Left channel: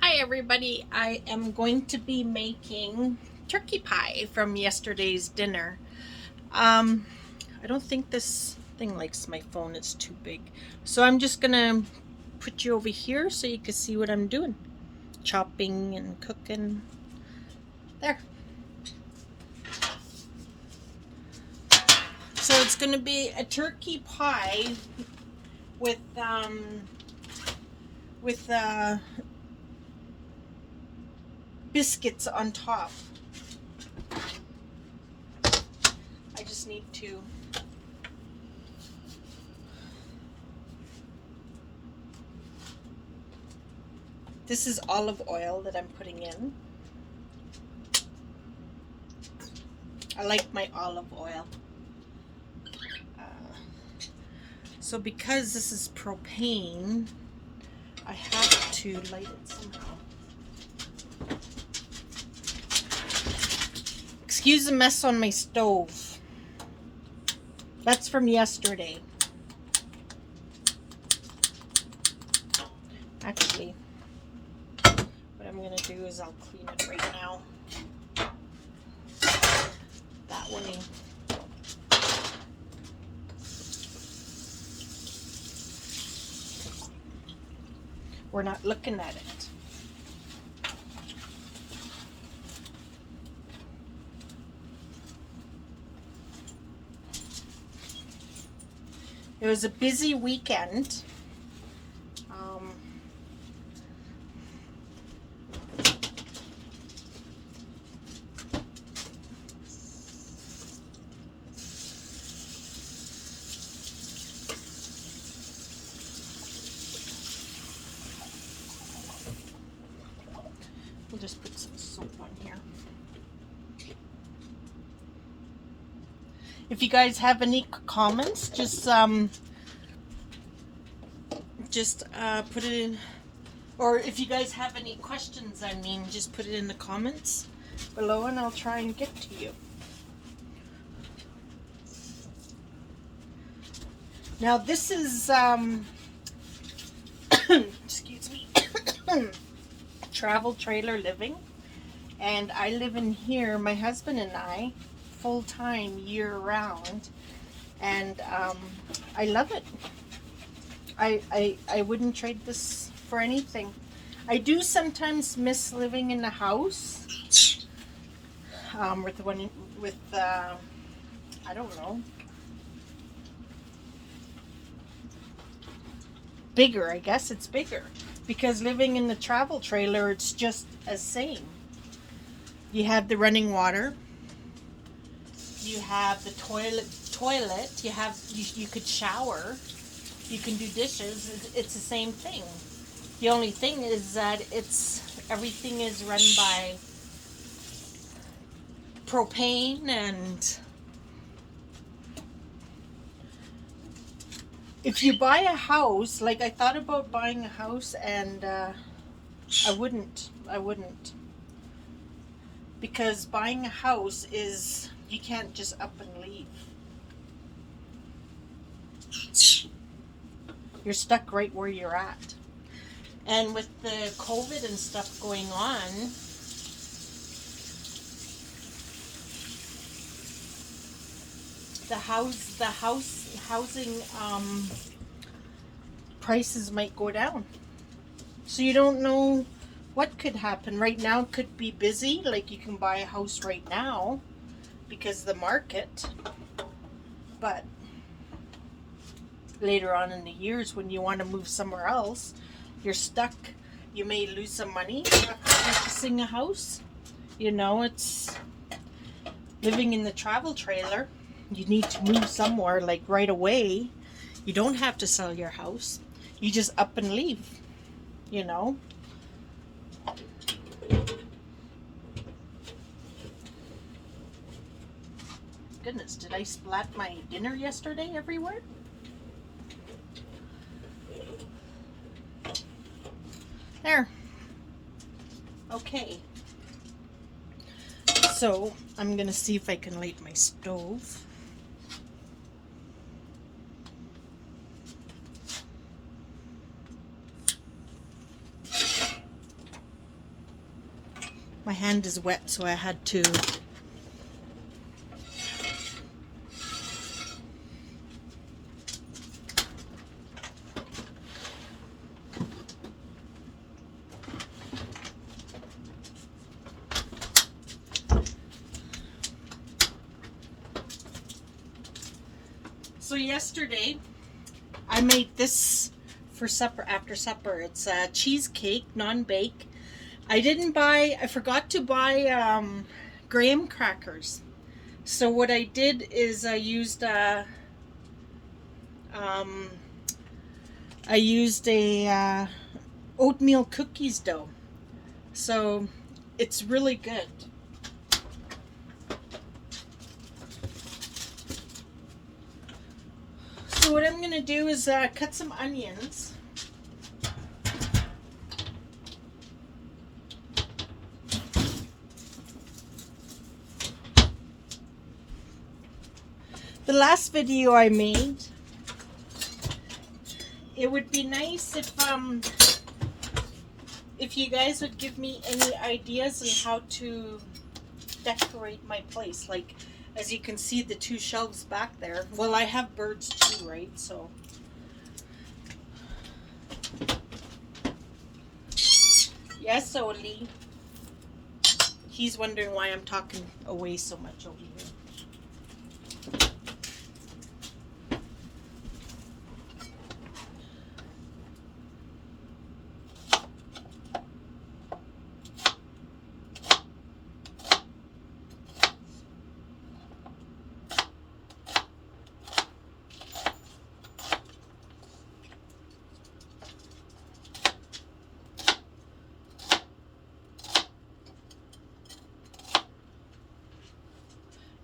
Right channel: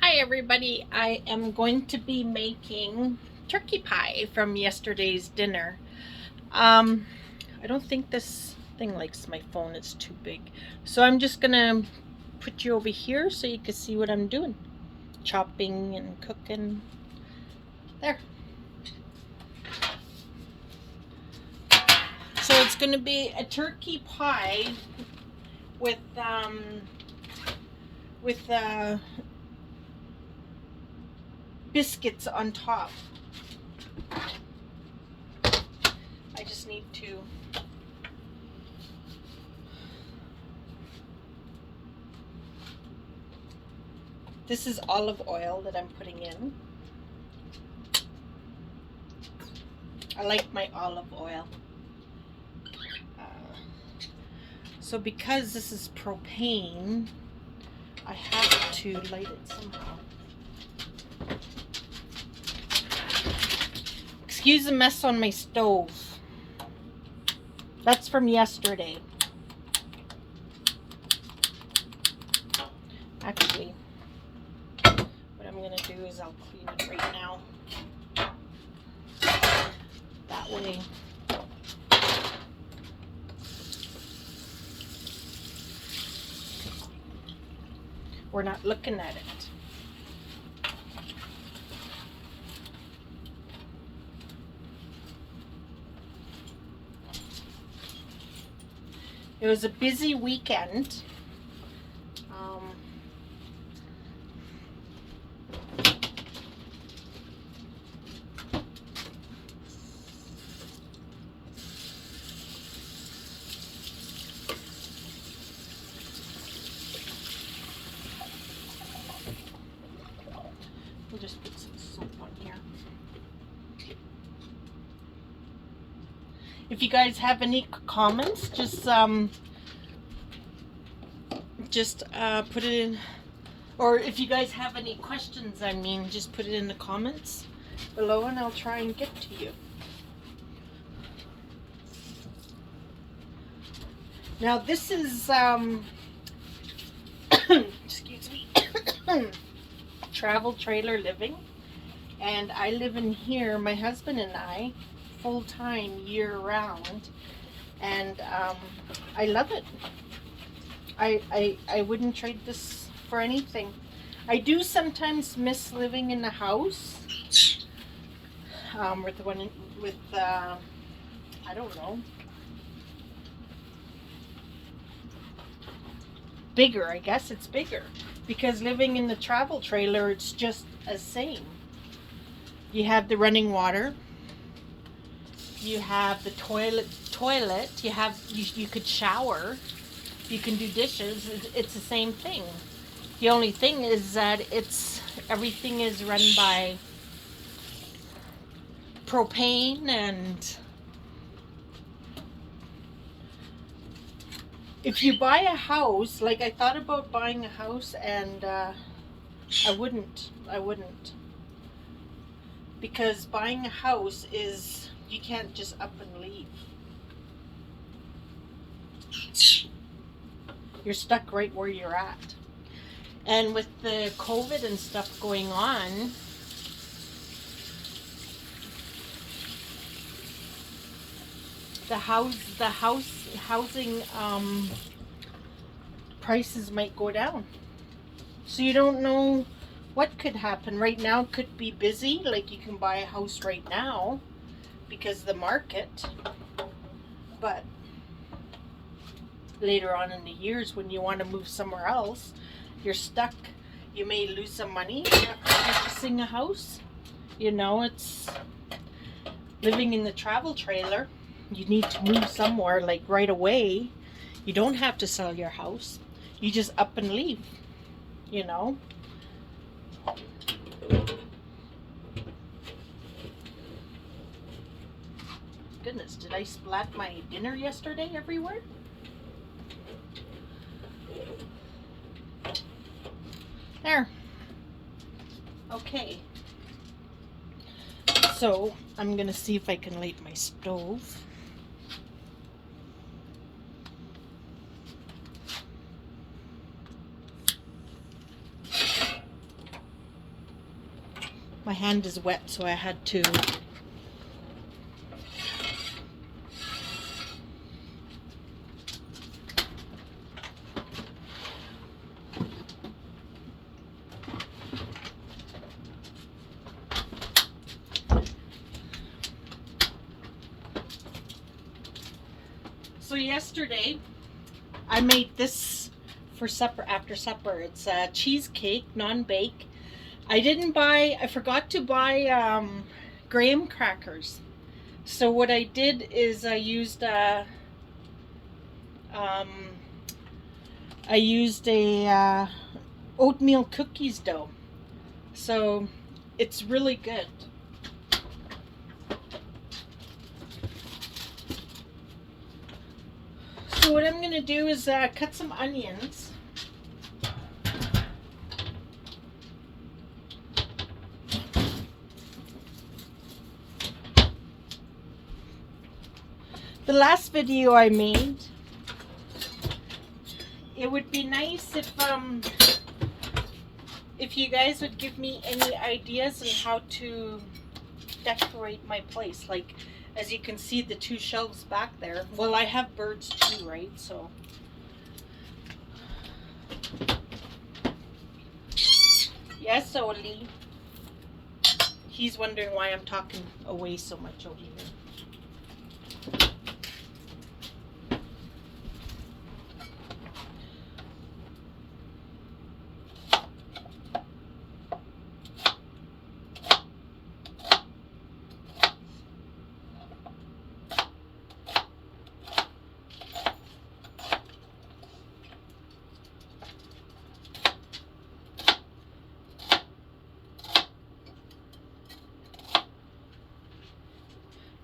Hi everybody, I am going to be making turkey pie from yesterday's dinner. Um, I don't think this thing likes my phone, it's too big. So I'm just gonna put you over here so you can see what I'm doing. Chopping and cooking. There. So it's gonna be a turkey pie with with biscuits on top. I just need to This is olive oil that I'm putting in. I like my olive oil. So because this is propane, I have to light it somehow. Excuse the mess on my stove. That's from yesterday. Actually, what I'm going to do is I'll clean it right now. That way. We're not looking at it. It was a busy weekend. We'll just put some soap on here. If you guys have any comments, just put it in, or if you guys have any questions, I mean, just put it in the comments below and I'll try and get to you. Now this is excuse me, travel trailer living, and I live in here, my husband and I, full-time year-round, and I love it. I wouldn't trade this for anything. I do sometimes miss living in the house with I don't know, bigger. I guess it's bigger because living in the travel trailer, it's just as same. You have the running water. You have the toilet. You could shower. You can do dishes. It's the same thing. The only thing is that everything is run by propane, and if you buy a house, like I thought about buying a house, and I wouldn't, because buying a house is, you can't just up and leave. You're stuck right where you're at. And with the COVID and stuff going on, housing prices might go down. So you don't know what could happen. Right now could be busy, like you can buy a house right now because of the market. But later on in the years when you want to move somewhere else, you're stuck. You may lose some money purchasing a house. You know, it's living in the travel trailer. You need to move somewhere like right away. You don't have to sell your house. You just up and leave, you know. Goodness, did I splat my dinner yesterday everywhere? There. Okay. So I'm gonna see if I can light my stove. My hand is wet, so I had to. So yesterday, I made this for supper, after supper. It's a cheesecake, non-bake. I forgot to buy graham crackers. So what I did is um, I used a oatmeal cookies dough. So it's really good. So what I'm going to do is cut some onions. The last video I made, it would be nice if you guys would give me any ideas on how to decorate my place. Like, as you can see, the two shelves back there. Well, I have birds too, right? So yes, Oli. He's wondering why I'm talking away so much over here.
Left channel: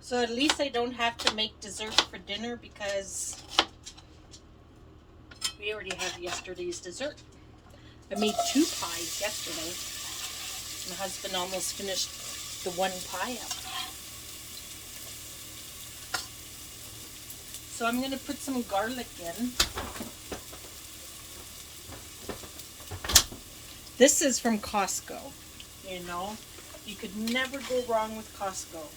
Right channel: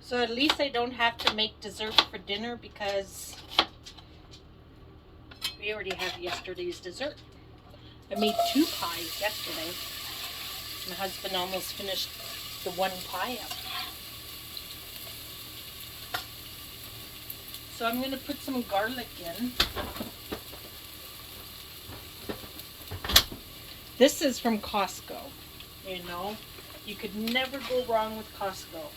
So at least I don't have to make dessert for dinner because we already have yesterday's dessert. I made 2 pies yesterday. My husband almost finished the 1 pie up. So I'm going to put some garlic in. This is from Costco. You know, you could never go wrong with Costco.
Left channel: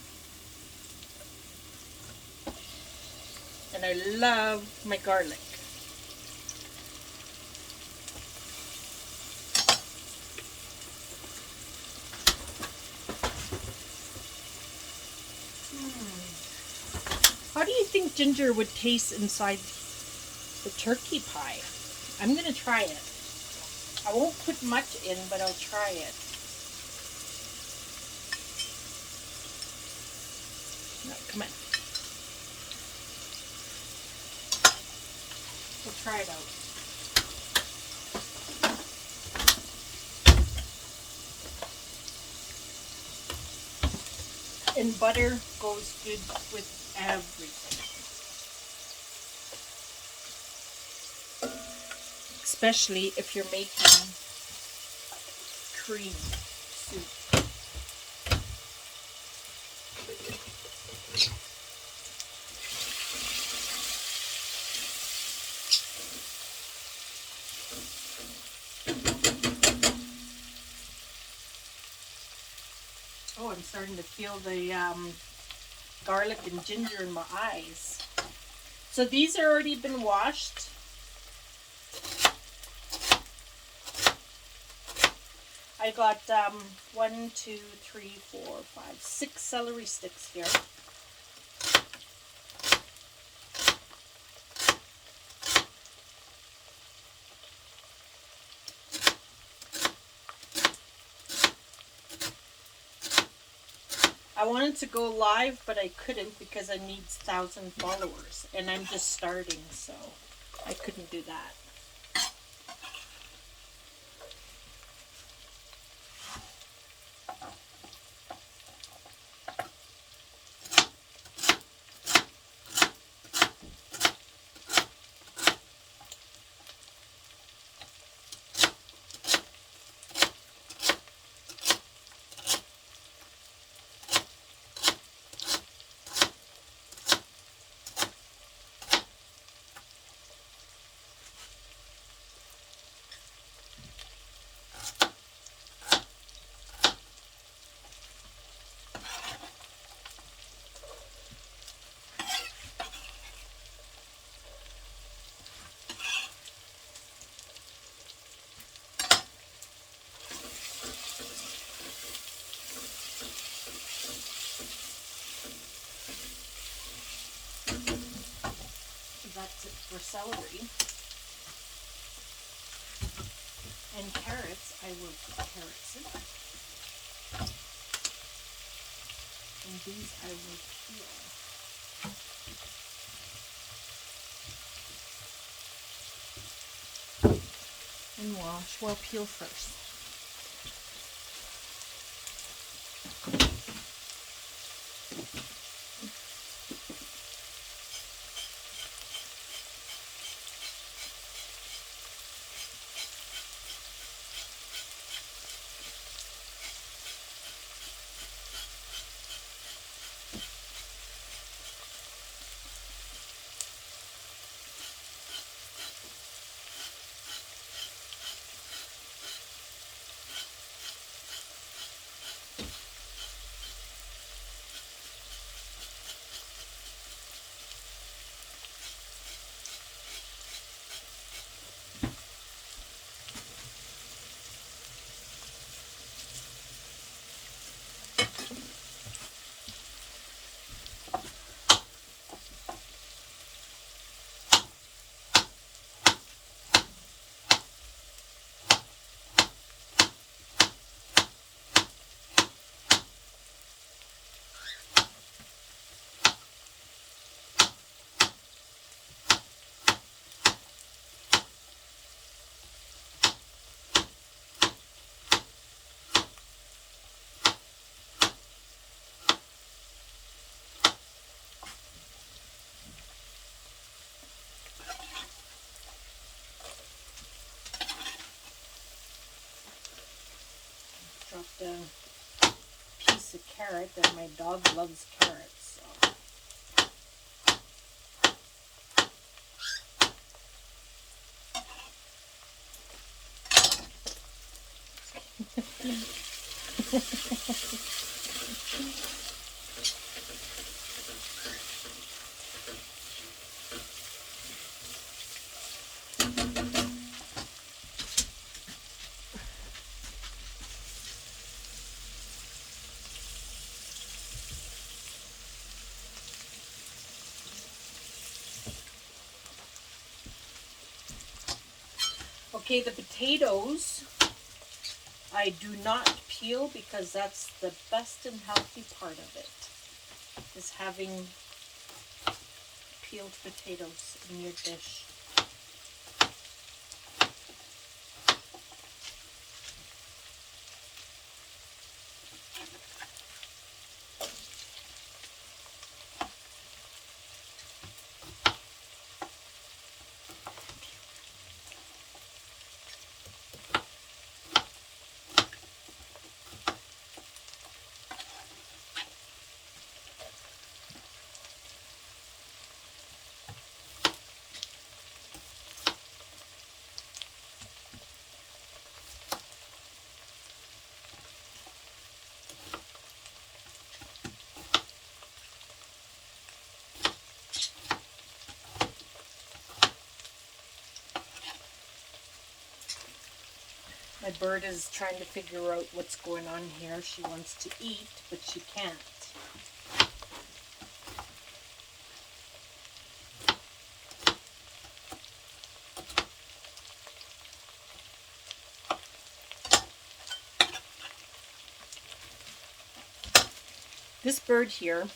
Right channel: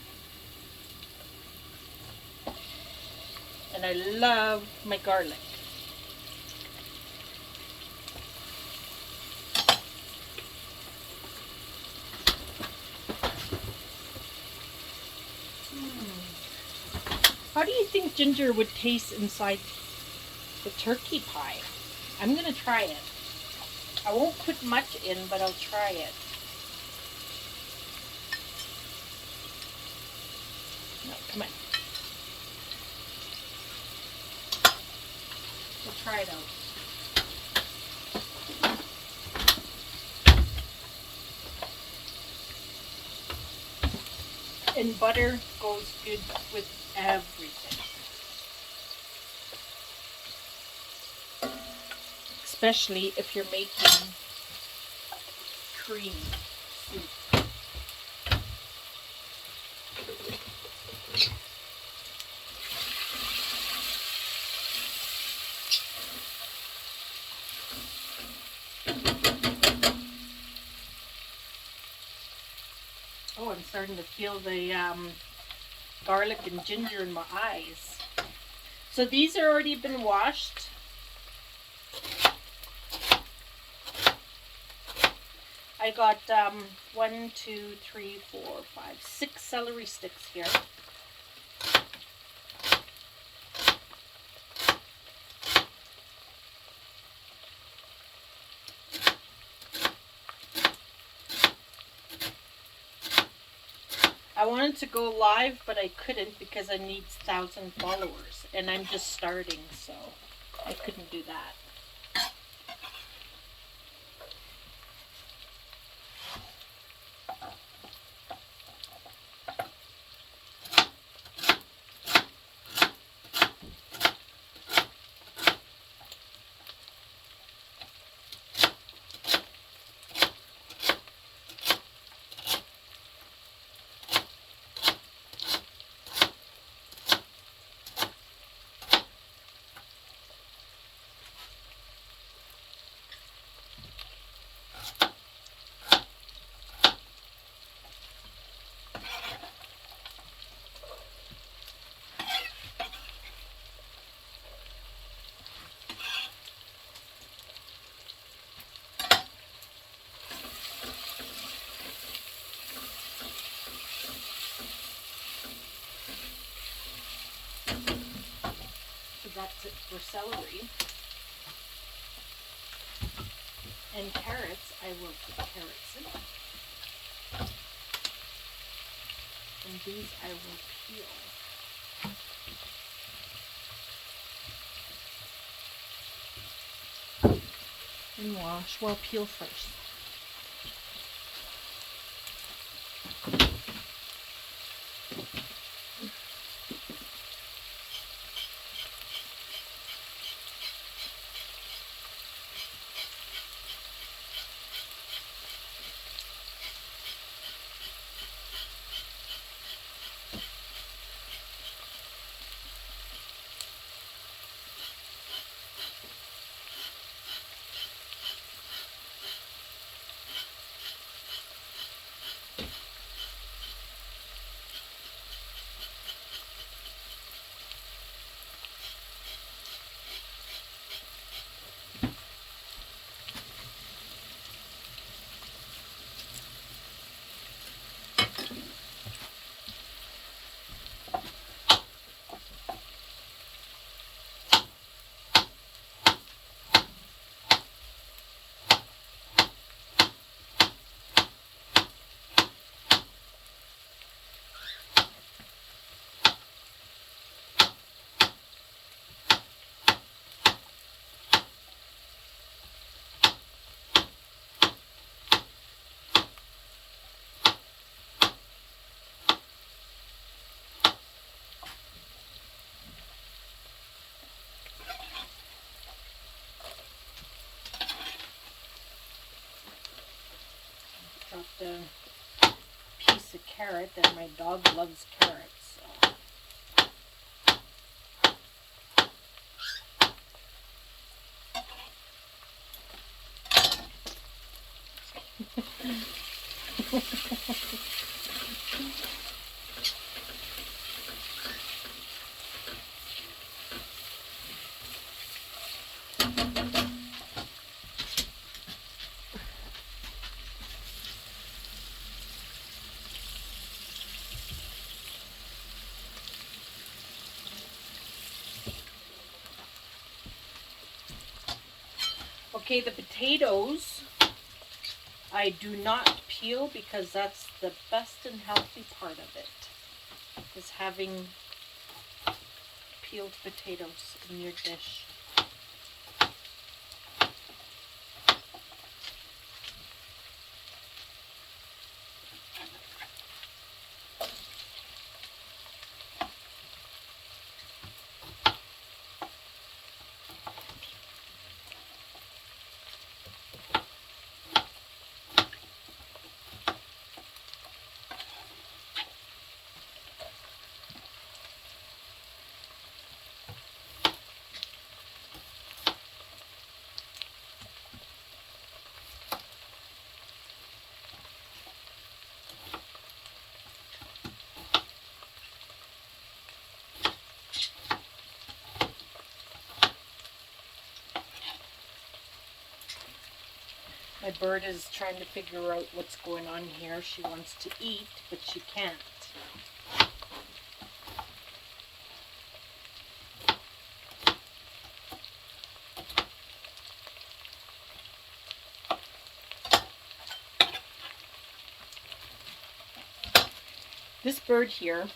And I love my garlic. How do you think ginger would taste inside the turkey pie? I'm going to try it. I won't put much in, but I'll try it. No, come on. We'll try it out. And butter goes good with everything. Especially if you're making cream soup. Oh, I'm starting to feel the garlic and ginger in my eyes. So these are already been washed. I got 1, 2, 3, 4, 5, 6 celery sticks here. I wanted to go live, but I couldn't because I need 1,000 followers, and I'm just starting, so I couldn't do that. celery. And carrots, I will put carrots in. And these I will peel. And wash. Well, peel first. Dropped a piece of carrot, and my dog loves carrots. Okay, the potatoes I do not peel because that's the best and healthy part of it, is having peeled potatoes in your dish. My bird is trying to figure out what's going on here. She wants to eat, but she can't. This bird here,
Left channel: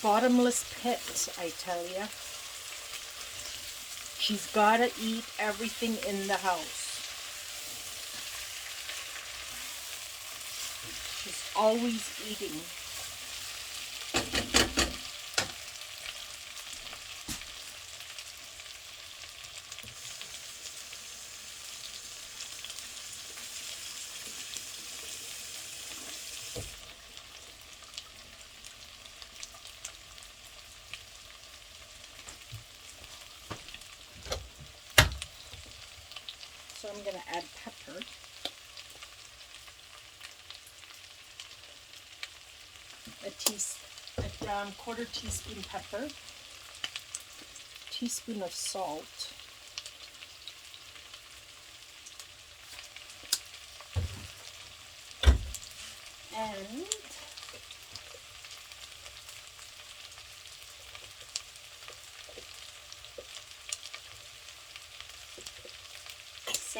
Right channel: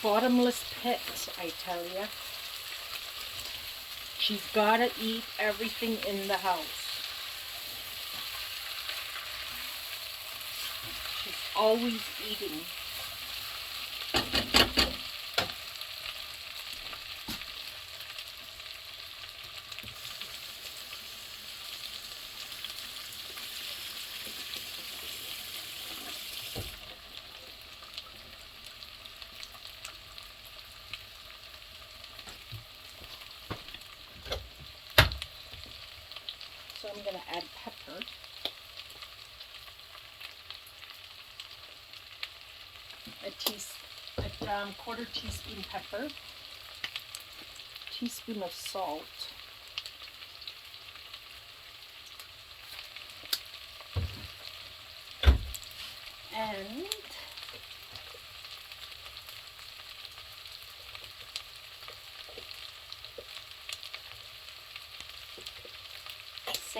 bottomless pit, I tell you. She's got to eat everything in the house. She's always eating. So I'm going to add pepper. A quarter teaspoon pepper, teaspoon of salt, and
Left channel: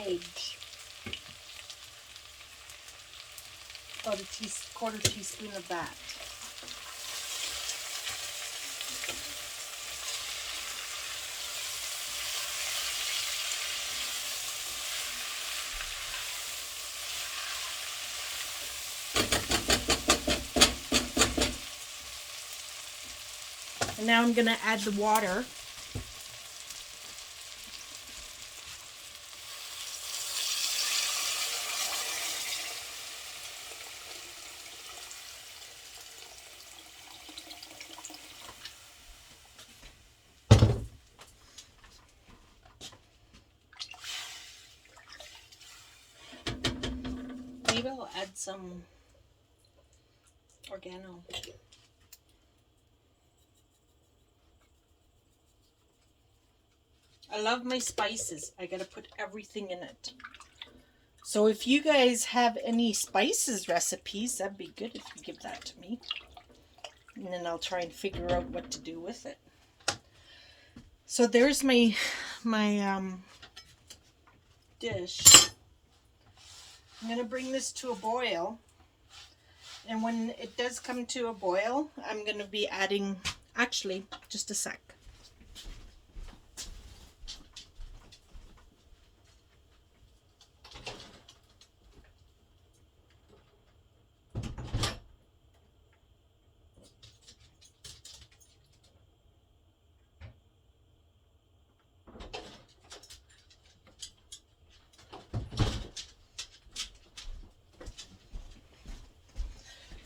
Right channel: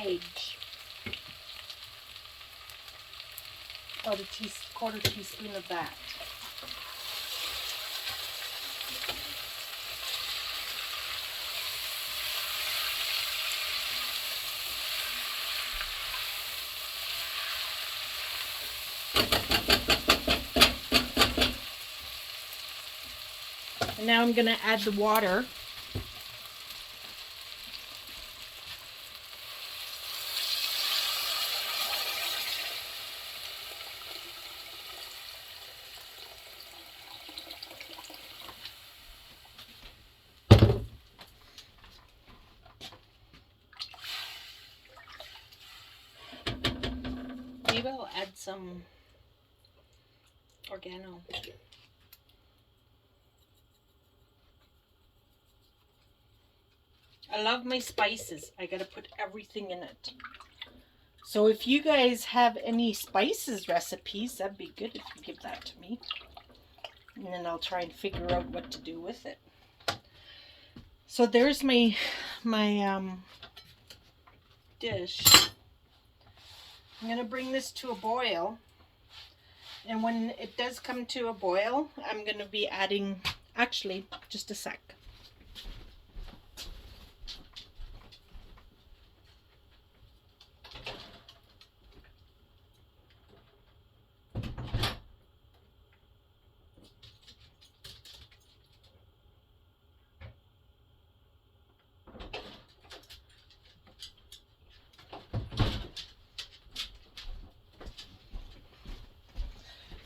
sage. About a quarter teaspoon of that. And now I'm going to add the water. Maybe I'll add some oregano. I love my spices. I gotta put everything in it. So if you guys have any spices recipes, that'd be good if you give that to me. And then I'll try and figure out what to do with it. So there's my dish. I'm gonna bring this to a boil. And when it does come to a boil, I'm gonna be adding, actually, just a sec.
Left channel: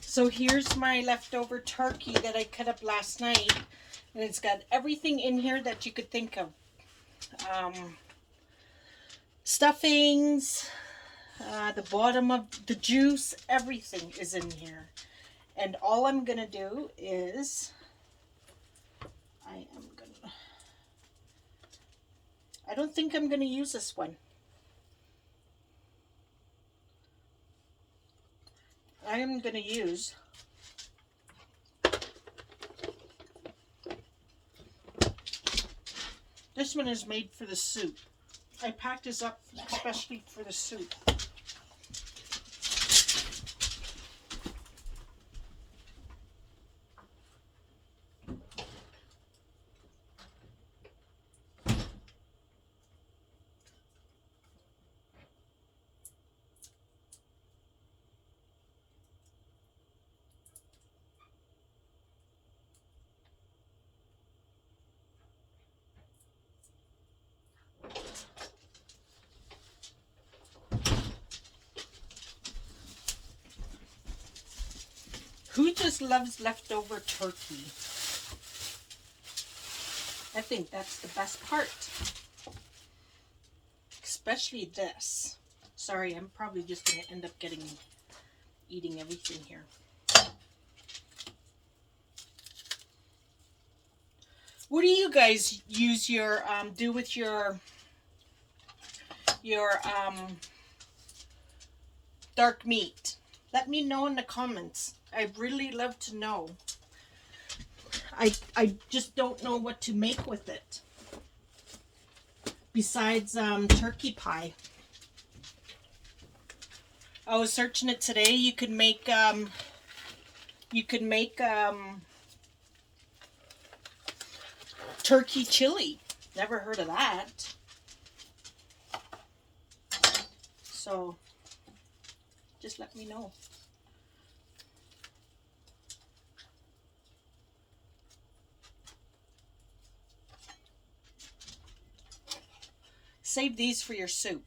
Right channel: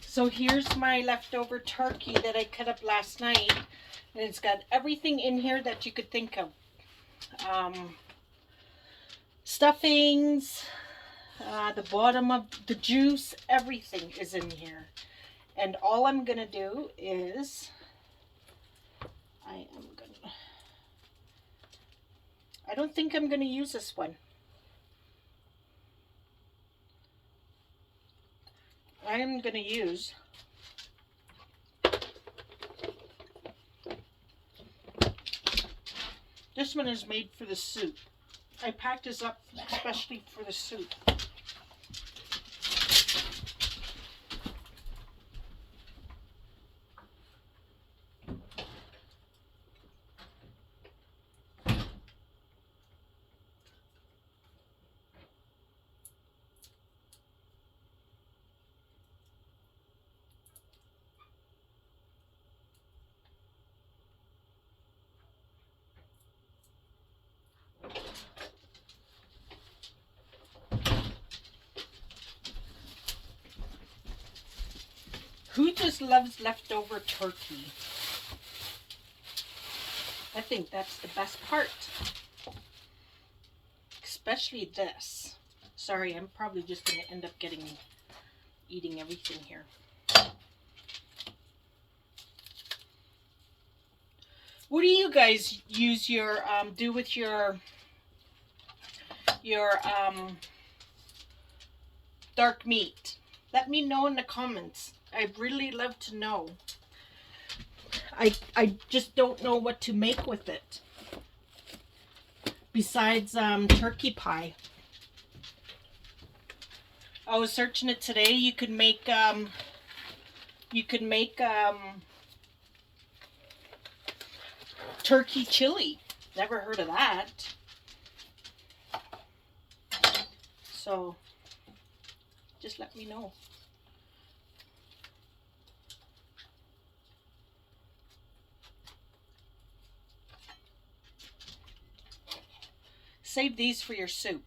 So here's my leftover turkey that I cut up last night. And it's got everything in here that you could think of. Stuffings, the bottom of the juice, everything is in here. And all I'm going to do is, I don't think I'm going to use this one. I am going to use this one is made for the soup. I packed this up especially for the soup. Who just loves leftover turkey? I think that's the best part. Especially this. Sorry, I'm probably just going to end up eating everything here. What do you guys use do with your dark meat? Let me know in the comments. I'd really love to know. I just don't know what to make with it. Besides turkey pie. I was searching it today. You could make turkey chili. Never heard of that. So just let me know. Save these for your soup.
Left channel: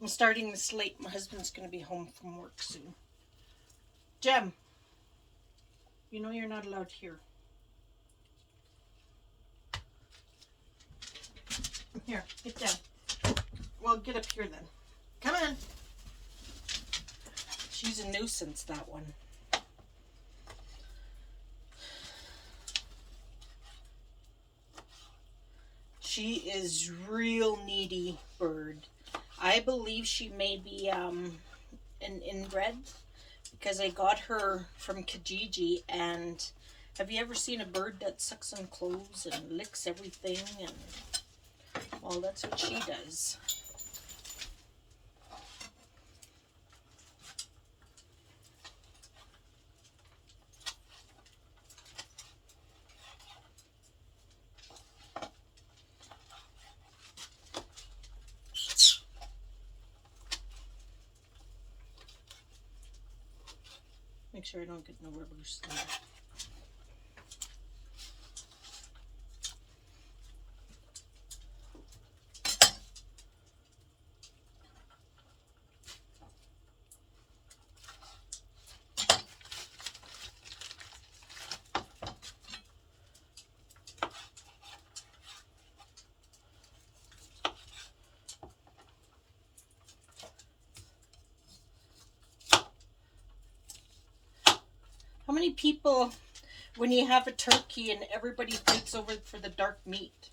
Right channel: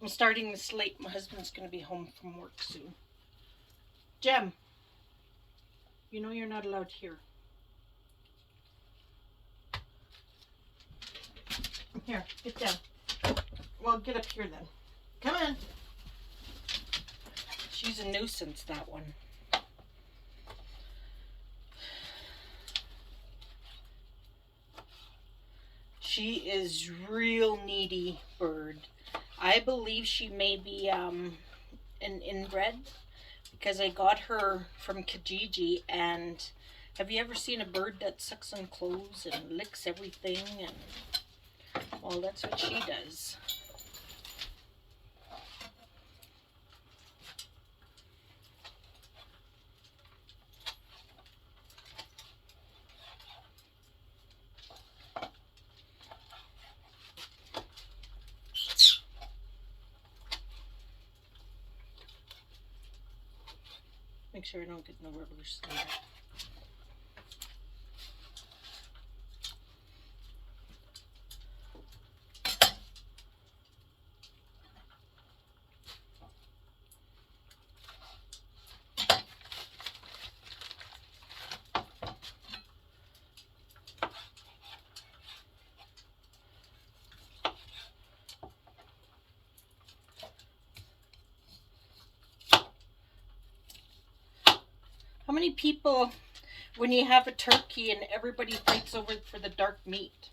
I'm starting this late. My husband's going to be home from work soon. Jem, you know you're not allowed here. Here, get down. Well, get up here then. Come on. She's a nuisance, that one. She is real needy bird. I believe she may be an inbred because I got her from Kijiji. And have you ever seen a bird that sucks on clothes and licks everything? And well, that's what she does. Make sure I don't get no rubbers in there. How many people, when you have a turkey and everybody fights over for the dark meat?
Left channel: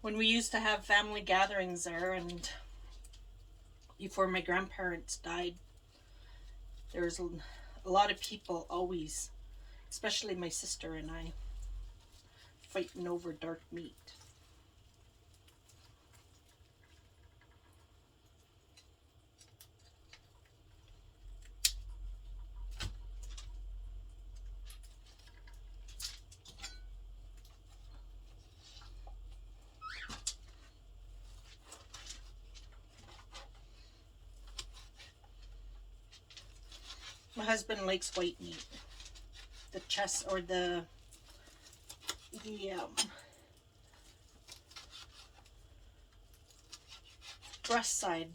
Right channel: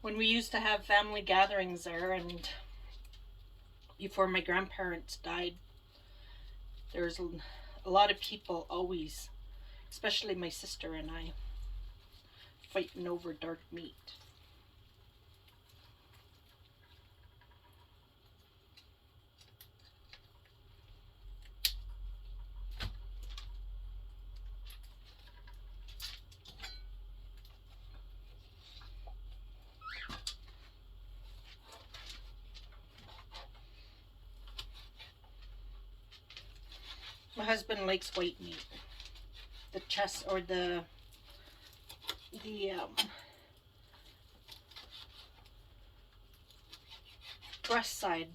When we used to have family gatherings there, and before my grandparents died, there was a lot of people always, especially my sister and I, fighting over dark meat. My husband likes white meat. The chest or the breast side.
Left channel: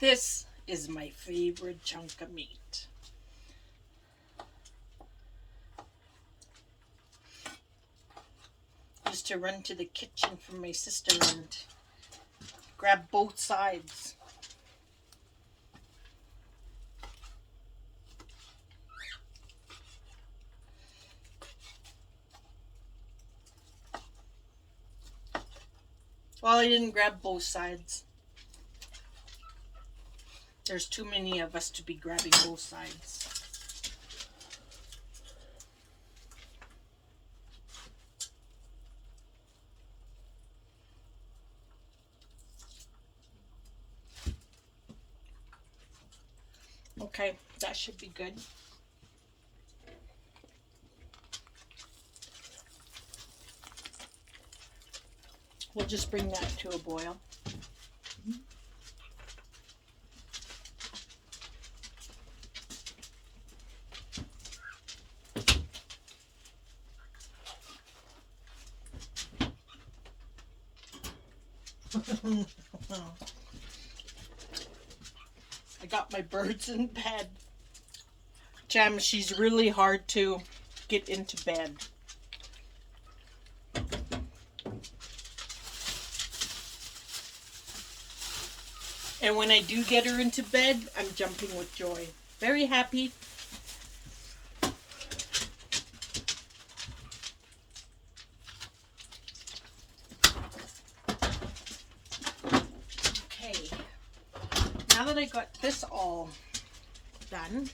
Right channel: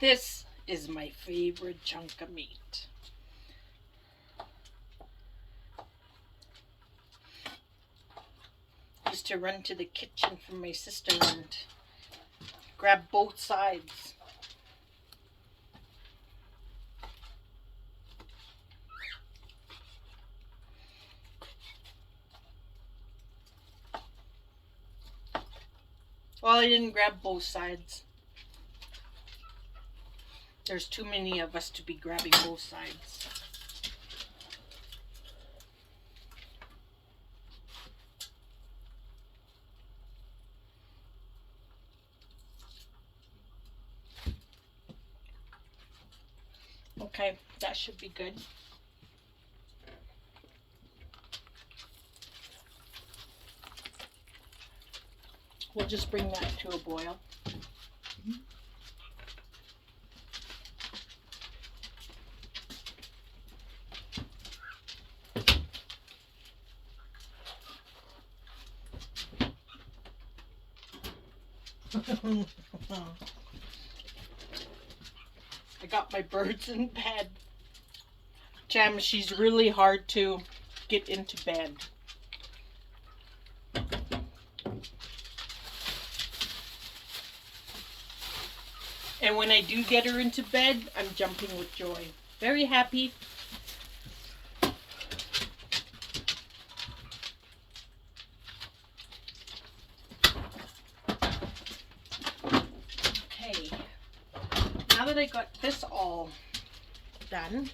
This is my favorite chunk of meat. I used to run to the kitchen from my sister and grab both sides. Well, I didn't grab both sides. There's too many of us to be grabbing both sides. Okay, that should be good. We'll just bring that to a boil. I got my birds in bed. Jam, she's really hard to get into bed. And when I do get her into bed, I'm jumping with joy. Very happy. Okay. Now that I got this all done,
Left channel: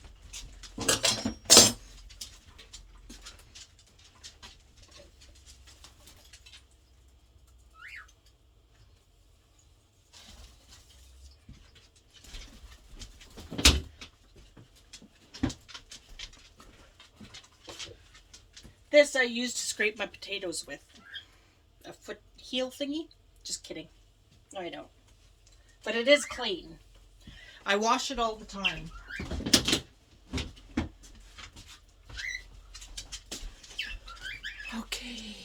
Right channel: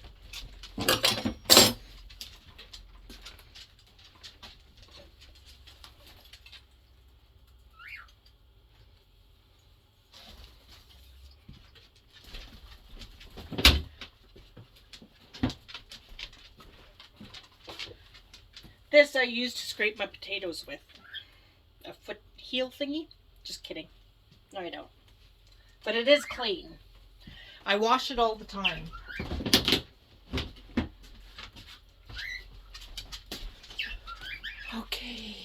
this I use to scrape my potatoes with. A foot heel thingy? Just kidding. No, I don't. But it is clean. I wash it all the time. Okay.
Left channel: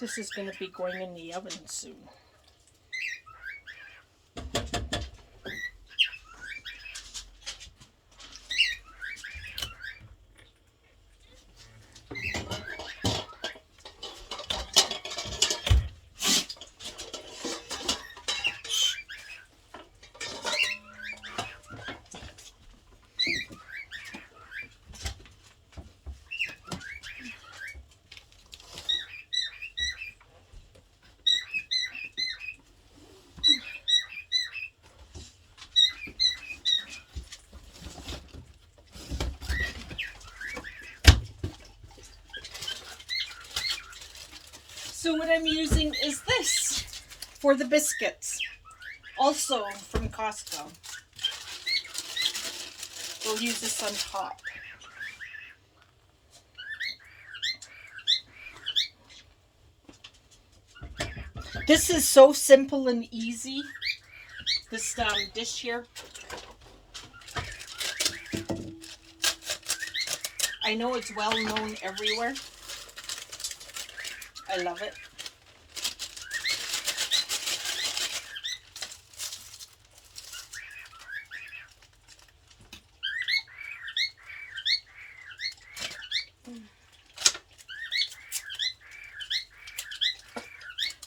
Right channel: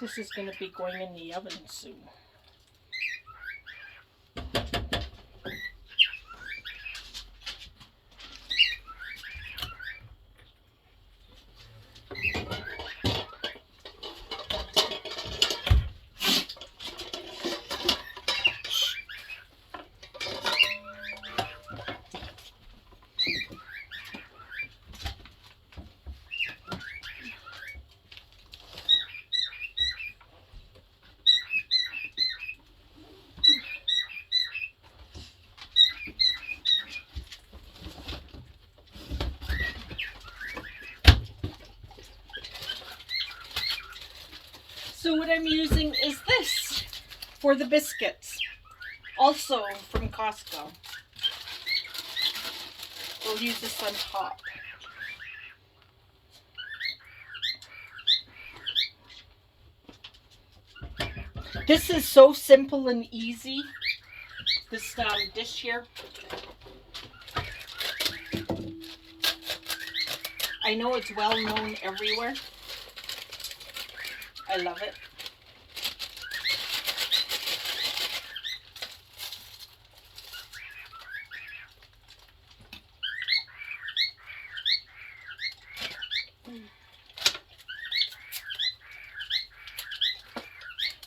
This is going to be going in the oven soon. So what I'm using is this for the biscuits, also from Costco. We'll use this on top. This is so simple and easy, this dish here. I know it's well known everywhere. I love it.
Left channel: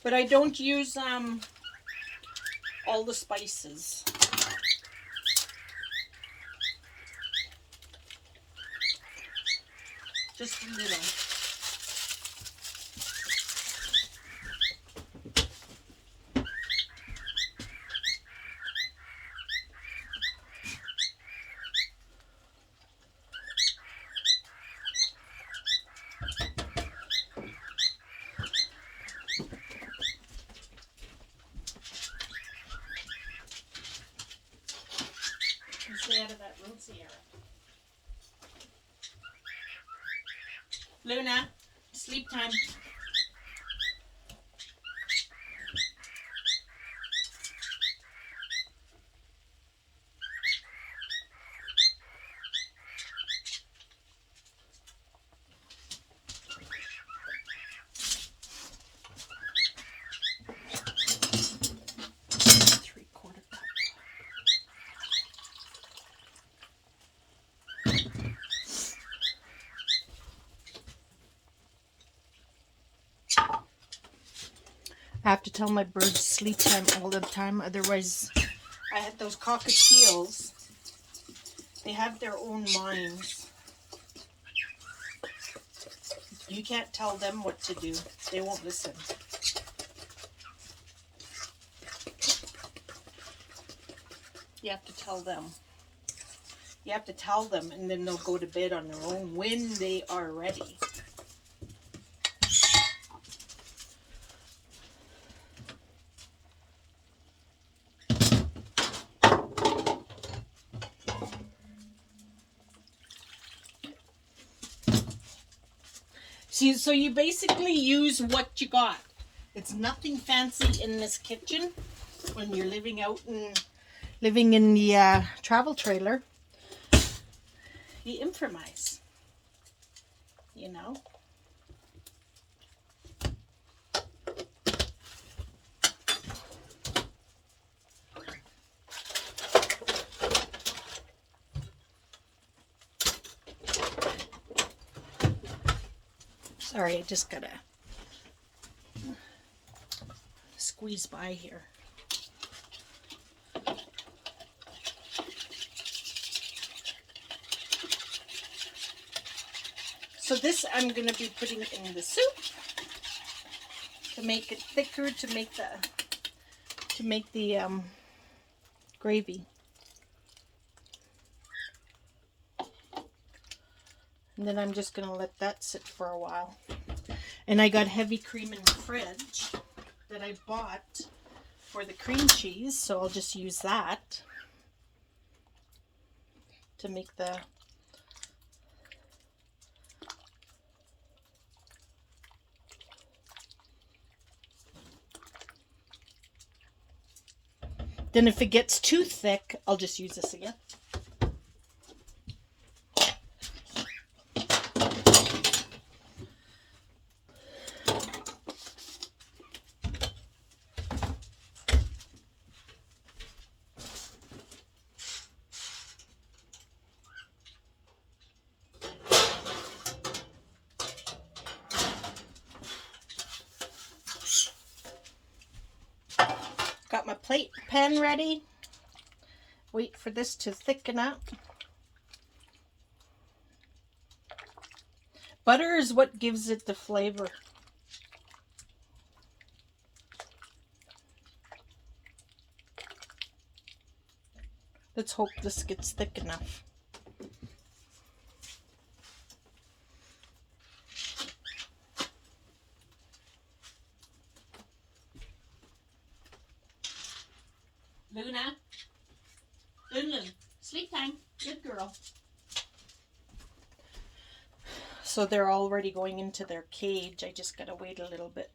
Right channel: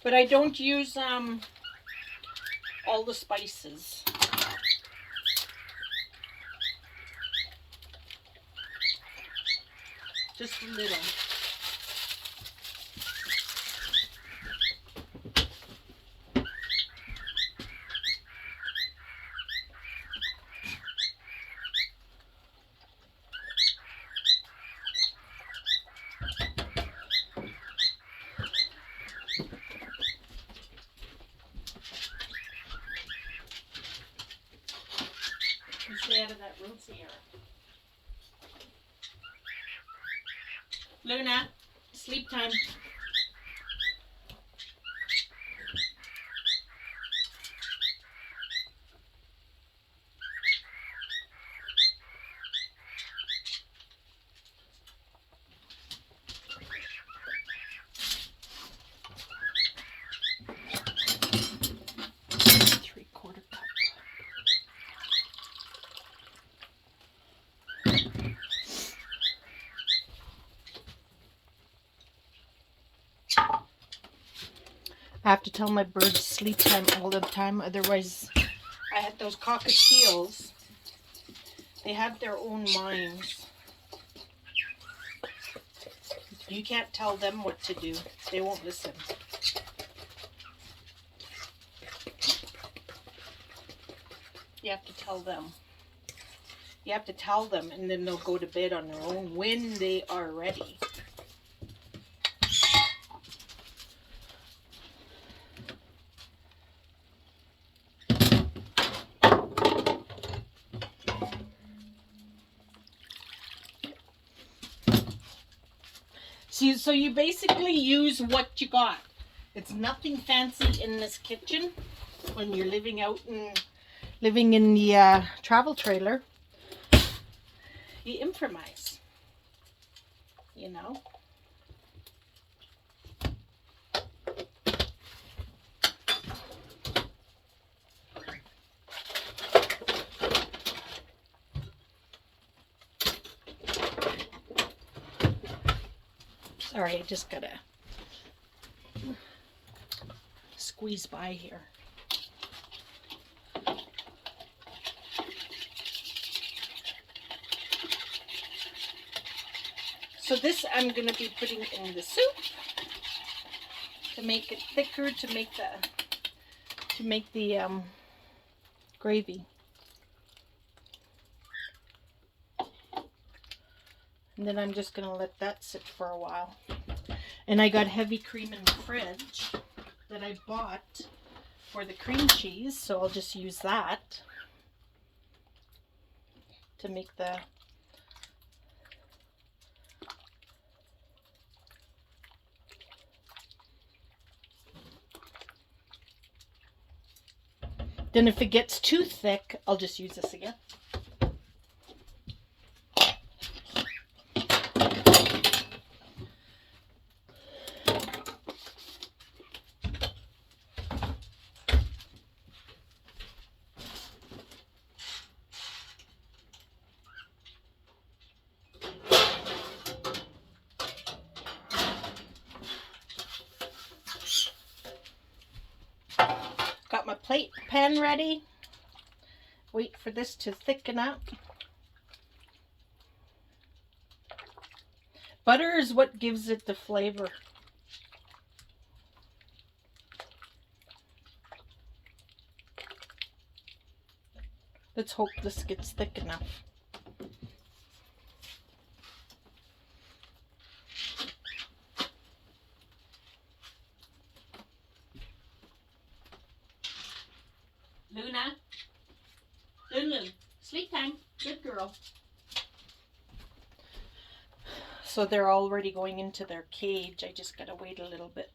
But I don't use all the spices. Just a little. Stay out of that room, Sierra. Luna, sleep time. I have to tell my birds sleep time all the time, otherwise I had those cockatiels. They have their own minds. You can't tell them what to do. They won't listen. You have to tell them. You have to tell them, and then they'll go to bed on their own when they are ready. See, so you basically use what you got. It's nothing fancy in this kitchen when you're living in the travel trailer. You improvise, you know. Sorry, I just gotta squeeze by here. So this I'm going to be putting in the soup to make it thicker, to make the gravy. And then I'm just going to let that sit for a while. And I got heavy cream in the fridge that I bought for the cream cheese, so I'll just use that to make the Then if it gets too thick, I'll just use this again. plate pan ready. Wait for this to thicken up. Butter is what gives it the flavor. Let's hope this gets thick enough. Luna, sleep time. Good girl. So they're already going into their cage. I just gotta wait a little bit.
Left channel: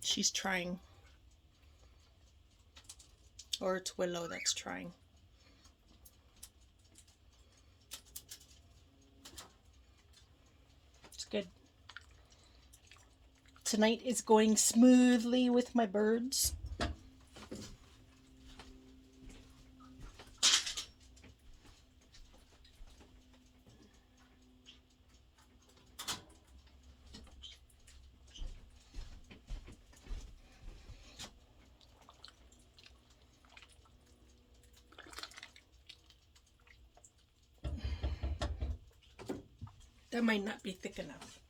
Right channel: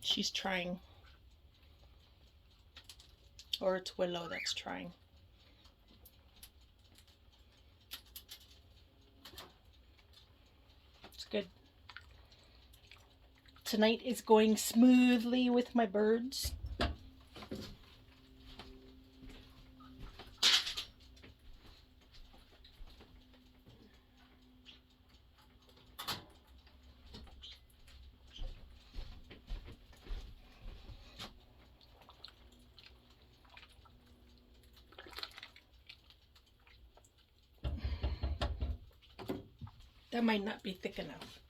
She's trying. Or it's Willow that's trying. It's good. Tonight is going smoothly with my birds. That might not be thick enough.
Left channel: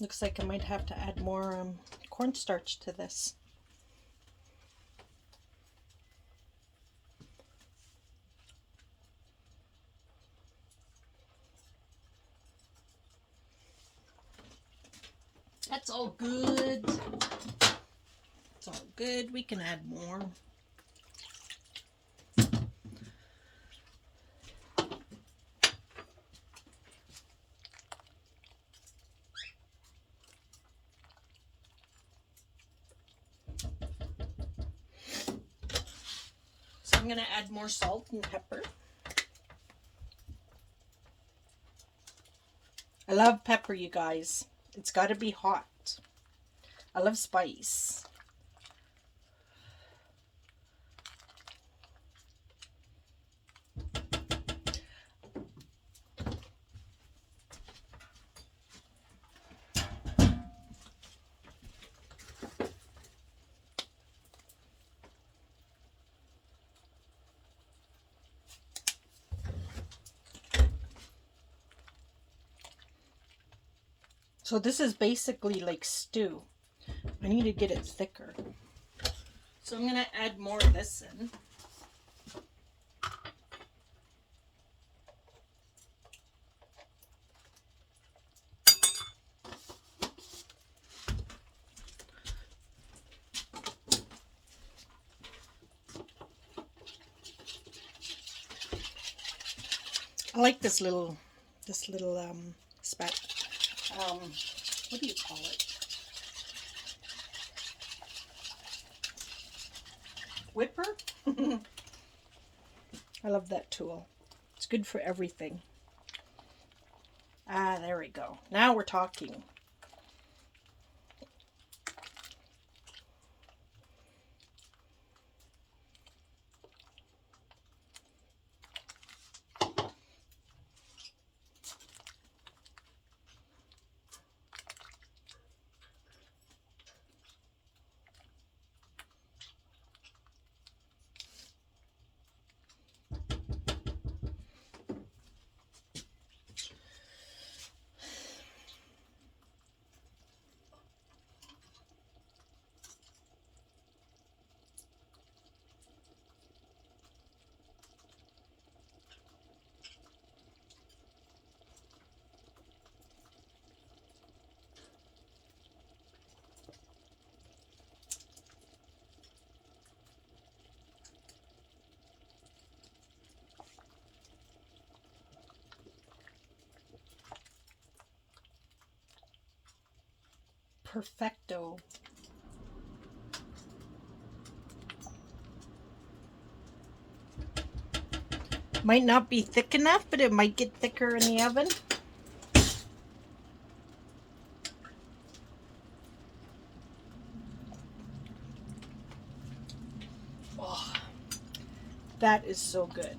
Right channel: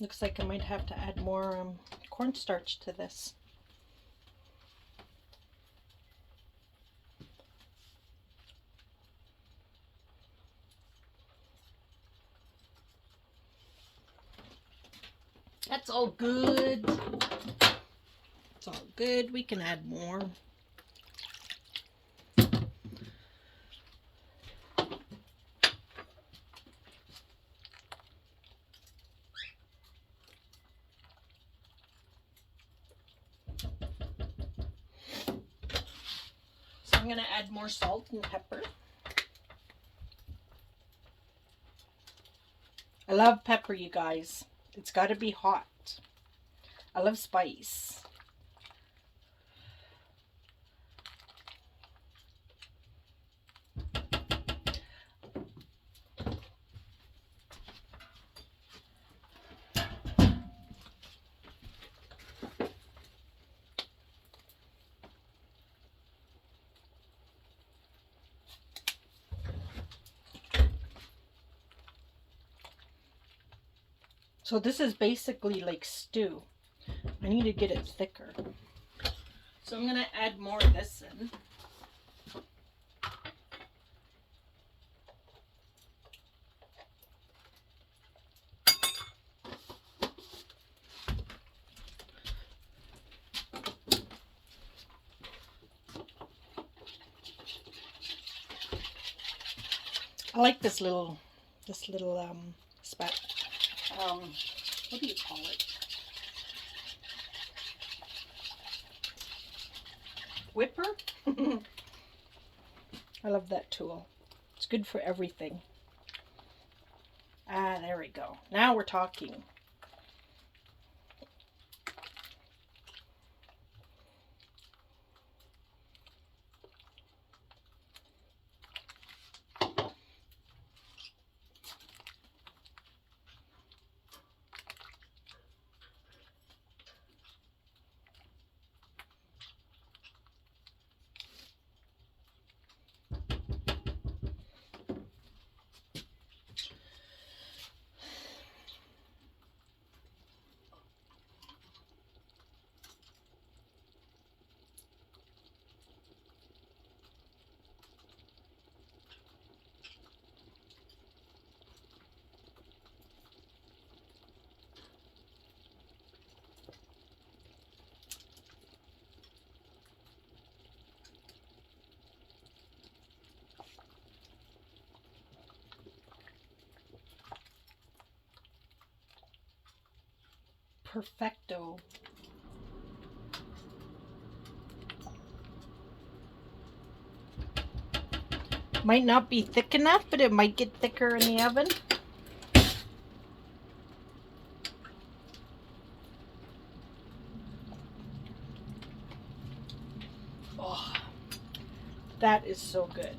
Looks like I might have to add more cornstarch to this. That's all good. It's all good. We can add more. So I'm going to add more salt and pepper. I love pepper, you guys. It's got to be hot. I love spice. So this is basically like stew. I need to get it thicker. So I'm going to add more of this in. I like this little spat. What do you call it? Whipper? I love that tool. It's good for everything. Ah, there we go. Now we're talking. Perfecto. Might not be thick enough, but it might get thicker in the oven. Oh, that is so good.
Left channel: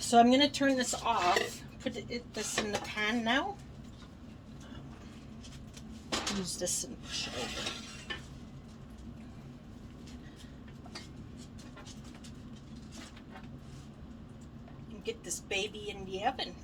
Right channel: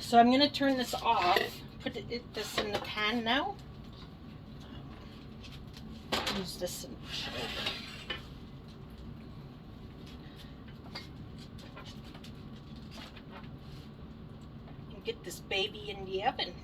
So I'm going to turn this off, put this in the pan now. Use this and push it over. And get this baby in the oven.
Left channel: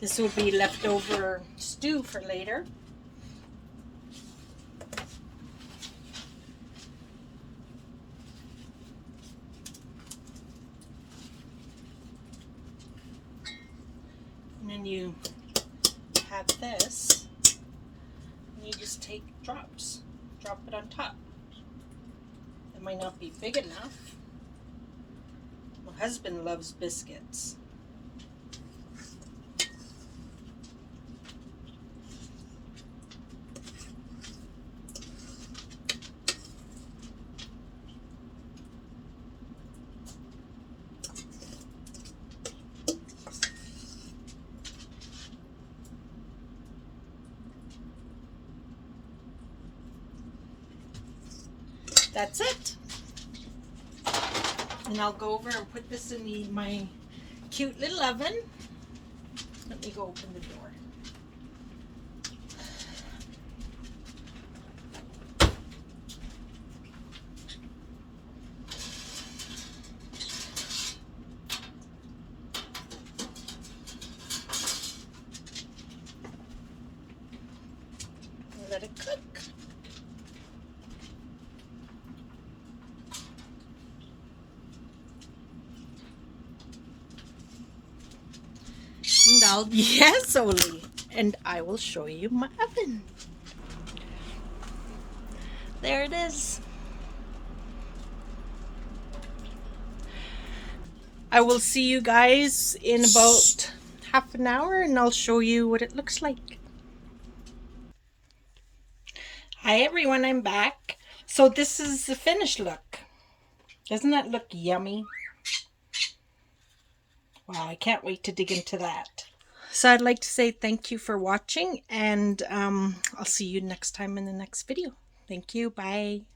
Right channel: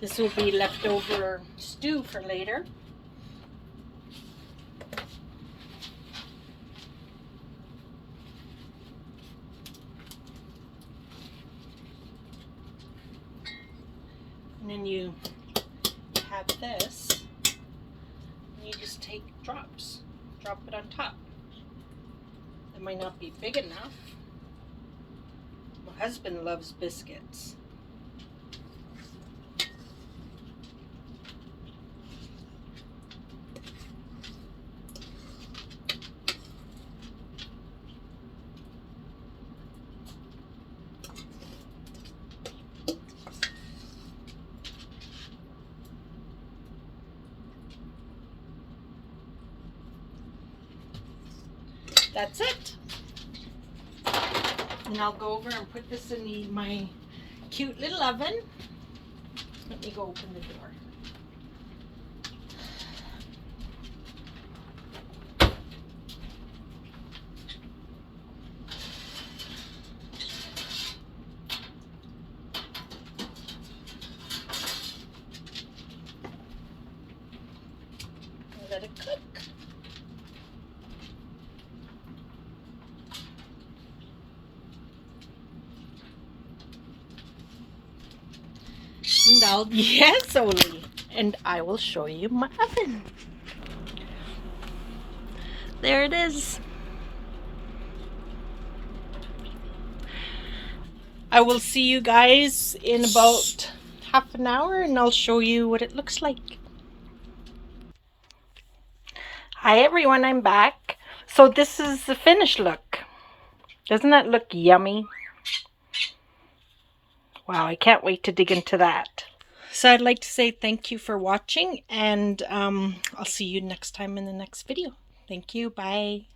This will be leftover stew for later. And then you have this, and you just take drops, drop it on top. It might not be big enough. My husband loves biscuits. That's it. And I'll go over and put this in my cute little oven. Let me go open the door. Let it cook. And yes, Oli, and I will show you my oven. There it is. I will see you guys in about half an hour and I'll show you what it looks like. Hi everyone, I'm back. So this is the finished look. Doesn't that look yummy? Wow, I can't wait to dig into that. So I'd like to say thank you for watching, and I'll see you next time in the next video. Thank you. Bye.